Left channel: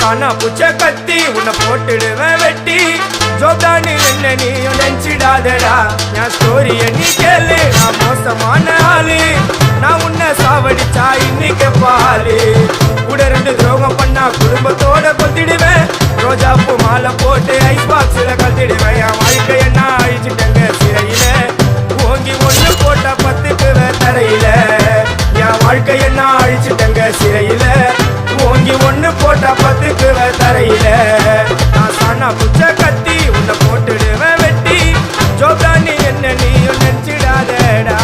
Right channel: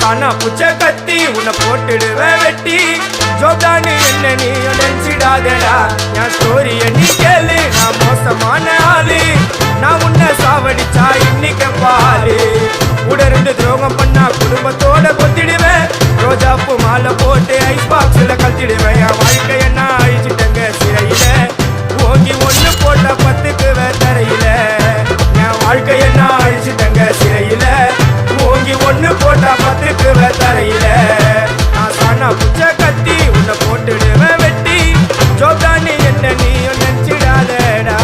சானா புச்ச கத்தி உன்னை போட்டுடுவேன் வெட்டி ஜோப்டான்னு என்ன நீ நினைச்சிடாதடா என் ஸ்டோரிய நீ கேளு நான் மோசமான ஆளு நான் உன்னை சாவடிச்சா இன்னைக்கு பாலு கூட 2 துரோகம் பண்ணா குடும்பத்தோட கொத்திடுவேன் ரோஜாப்பூ மாலை போட்டு ஐஸ் பாக்ஸ்ல கழட்டிடுவேன் என் வாழ்க்கைய நான் அழிச்சிட்டேங்க சிறையில ஓங்கி 1 போட்டா 10க்கு தரையில என் வாழ்க்கைய நான் அழிச்சிட்டேங்க சிறையில ஓங்கி 1 போட்டா 10க்கு தரையில நான் சானா புச்ச கத்தி உன்னை போட்டுடுவேன் வெட்டி ஜோப்டான்னு என்ன நீ நினைச்சிடாதடா